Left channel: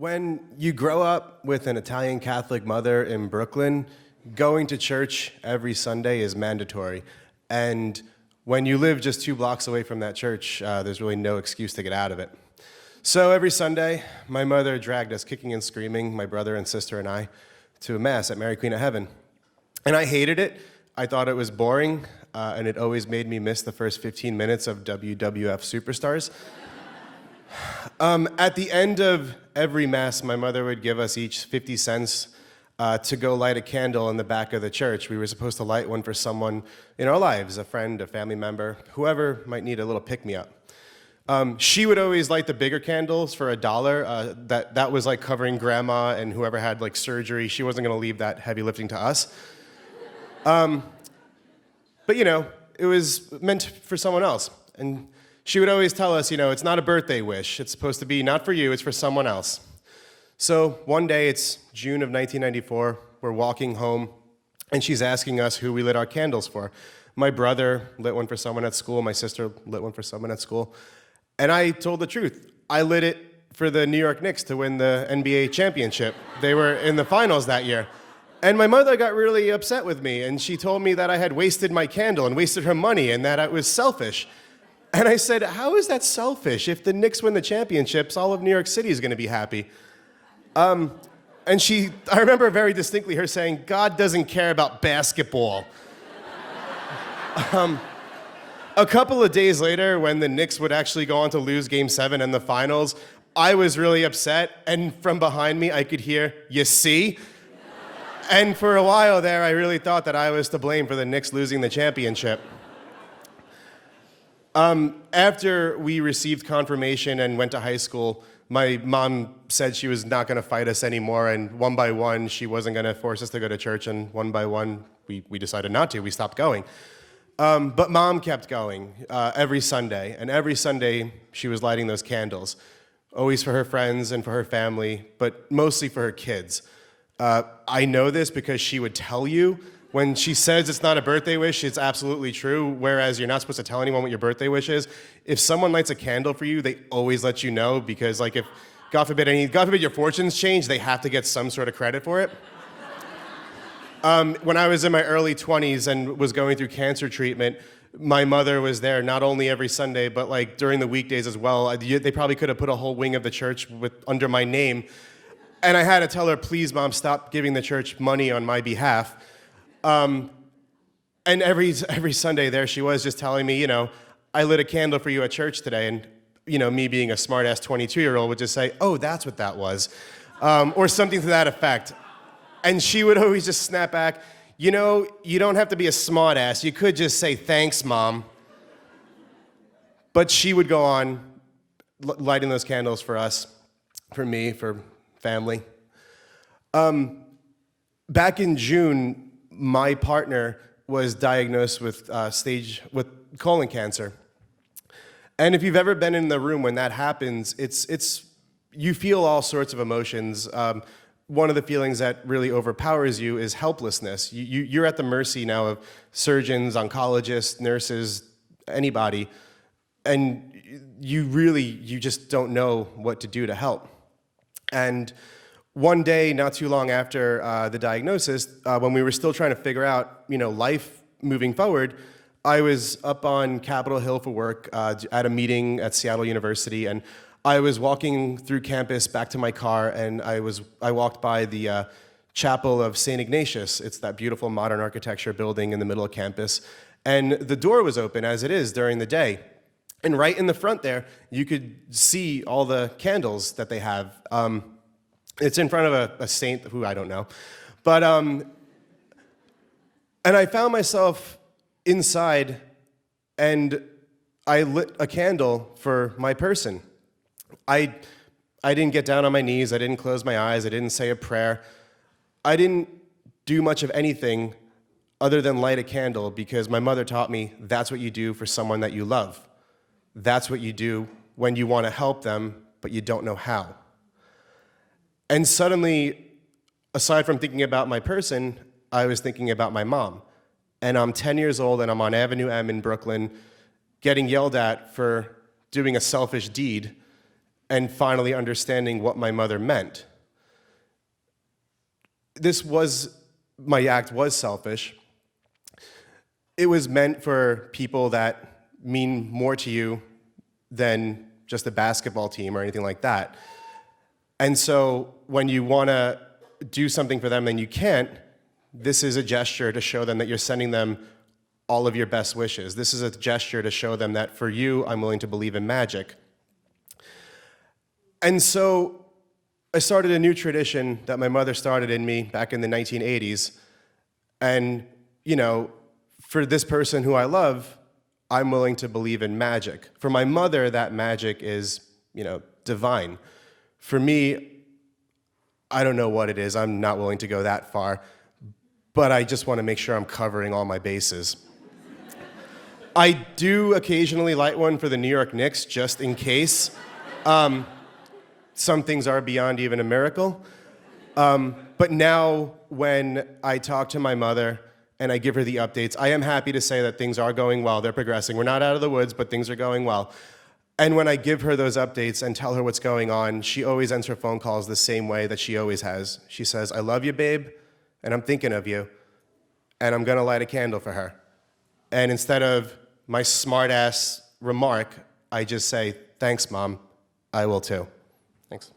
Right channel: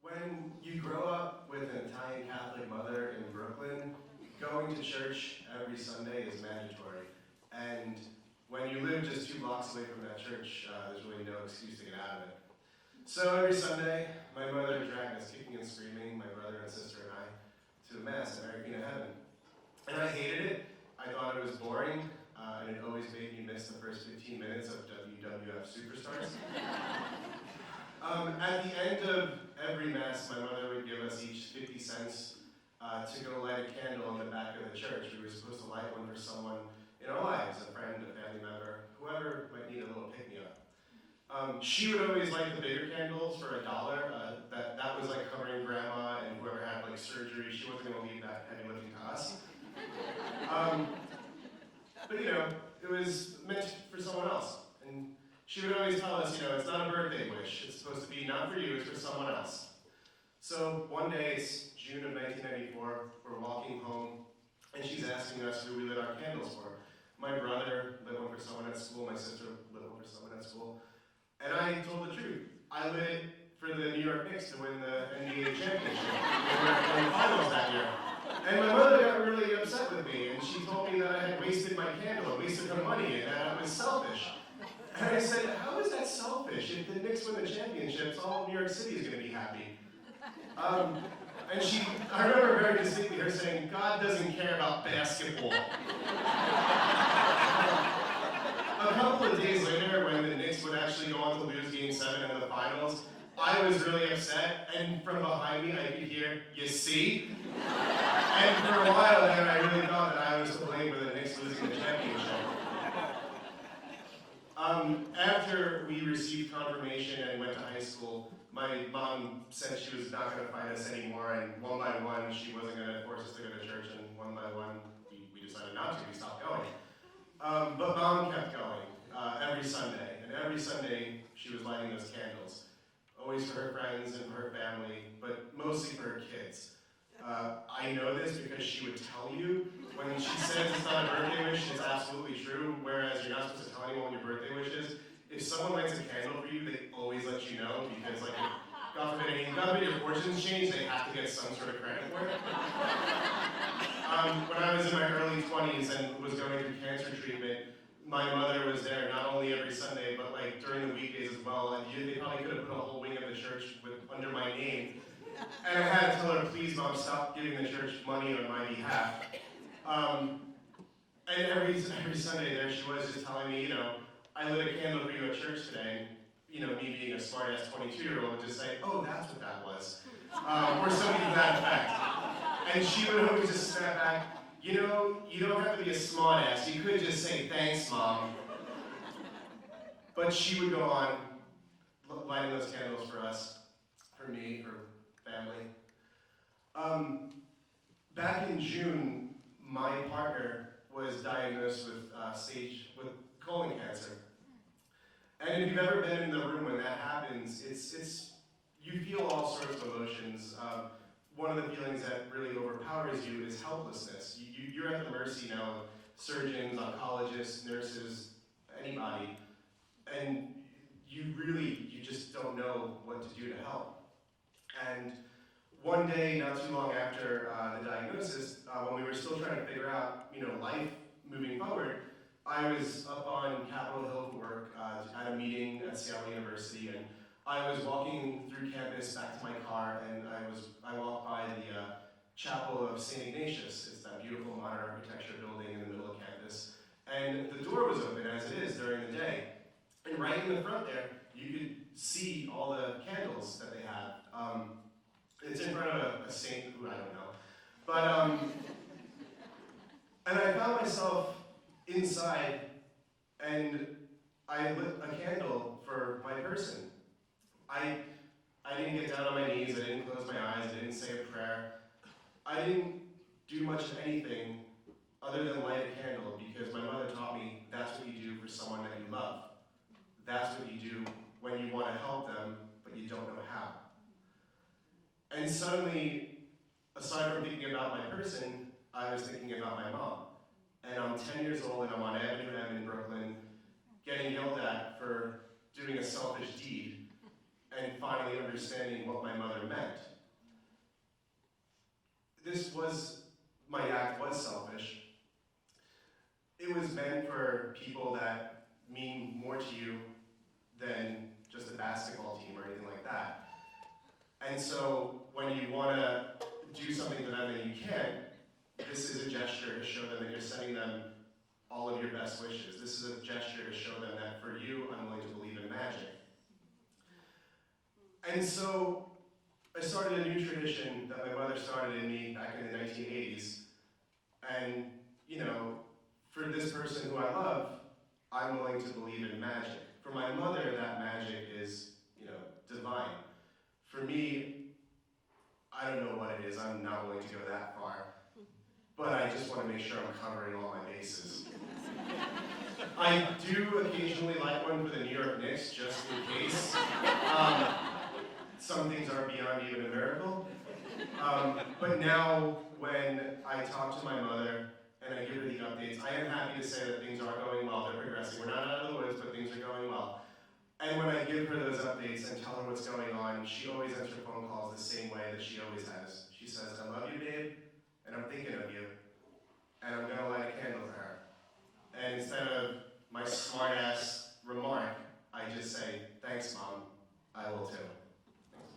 When you grow up with an Italian Catholic mother in Brooklyn, going to church every Sunday is mandatory. And when you live just 2 blocks away from that church, there's really no excuse to get out of it. So every Sunday, my mother dragged us kicking and screaming, my brother and sister and I, to a Mass at Mary Queen of Heaven. And I hated it. I thought it was boring, and it always made me miss the first 15 minutes of WWF Superstars. At the end of every Mass, my mother would give us each 50 cents to go light a candle in the back of the church. We were supposed to light one for someone in our lives, a friend, a family member, whoever might need a little pick-me-up. She would always light the bigger candles for $1. That was like covering grandma and whoever had like surgery. She wasn't going to leave that heavy lifting to us. But you know, it was meant for someone else. And she would always tell us, you know, it's not a birthday wish. It's supposed to be not for you, it's for someone else. So one day, it's June of 1994, we're walking home, and she's asking us who we lit our candles for. My brother lit one for someone at school, my sister lit one for someone at school, and I told the truth. I lit it for the New York Knicks to win the NBA championship. They were in the finals that year. And my mother got really upset with me, and she told me that I had wasted my candle and wasted her money, and that I was selfish. And I said, how is that selfish? If the Knicks win the championships, all of New York City is going to be happy. And I remember very distinctly her saying, God doesn't care about basketball. A couple of days later, when the Knicks would actually go on to lose Game 7 in the finals, I was really upset, and from behind me, I could hear, you see? And for a while there, I really thought that I was to blame for the Knicks losing the championship. After we received confirmation and went to high school, my mom said she was not going to fight us anymore, and one by one, she wasn't going to force us to go to church, and one by one, we decided not to. We stopped going. But Mom kept going every Sunday, and every Sunday, she was lighting those candles, always for her friends and for her family, but mostly for her kids. I know this because she would tell you. When she says it's not a birthday wish, it's absolutely true, whereas you're not supposed to tell anyone what your birthday wish is. If someone lights a candle for you, they always let you know, because like if, God forbid your fortunes change, they have to get some sort of credit for it. When I was in my early 20s and was going through cancer treatment, my mother was there not only every Sunday, but like during the weekdays as well. They probably could have put a whole wing of the church under my name. And I had to tell her, please, Mom, stop giving the church money on my behalf. And every Sunday there she was just telling me, you know, I lit a candle for you at church today, and you know, me being a smart-ass 22-year-old would just say, oh, that's what that was, or something to that effect. And she would always just snap back, you know, you don't have to be a smart-ass, you could just say, thanks, Mom. But she would go on lighting those candles for us, for me, for family. Back in June, my partner was diagnosed with colon cancer. And if you've ever been in the room when that happens, you feel all sorts of emotions. One of the feelings that really overpowers you is helplessness. You're at the mercy now of surgeons, oncologists, nurses, anybody, and you just don't know what to do to help. And one day, not too long after the diagnosis, when we were still trying to figure out, you know, life moving forward, I was up on Capitol Hill for work at a meeting at Seattle University, and I was walking through campus back to my car, and I walked by the chapel of St. Ignatius. It's that beautiful modern architecture building in the middle of campus, and the door was open, as it is during the day. And right in the front there, you could see all the candles that they have. It's in front of a saint who I don't know. But, and I found myself inside, and I lit a candle for my person. I didn't get down on my knees, I didn't close my eyes, I didn't say a prayer. I didn't do much of anything other than light a candle, because my mother taught me that's what you do for someone that you love. That's what you do when you want to help them, but you don't know how. And suddenly, aside from thinking about my person, I was thinking about my mom. And I'm 10 years old, and I'm on Avenue M in Brooklyn, getting yelled at for doing a selfish deed. and finally understanding what my mother meant. My act was selfish. It was meant for people that mean more to you than just a basketball team or anything like that. And so when you want to do something for them and you can't, this is a gesture to show them that you're sending them all of your best wishes. This is a gesture to show them that for you, I'm willing to believe in magic. And so I started a new tradition that my mother started in me back in the 1980s. And, for this person who I love, I'm willing to believe in magic. For my mother, that magic is, divine. For me, I don't know what it is. I'm not willing to go that far. But I just want to make sure I'm covering all my bases. I do occasionally light one for the New York Knicks, just in case. Some things are beyond even a miracle. But now, when I talk to my mother and I give her the updates, I am happy to say that things are going well. They're progressing. We're not out of the woods, but things are going well. And when I give her those updates and tell her what's going on, she always ends her phone calls the same way that she always has. She says, "I love you, babe, and I'm thinking of you, and I'm gonna light a candle for her." And instead of my smart-ass remark, I just say, "Thanks, Mom. I will too." Thanks.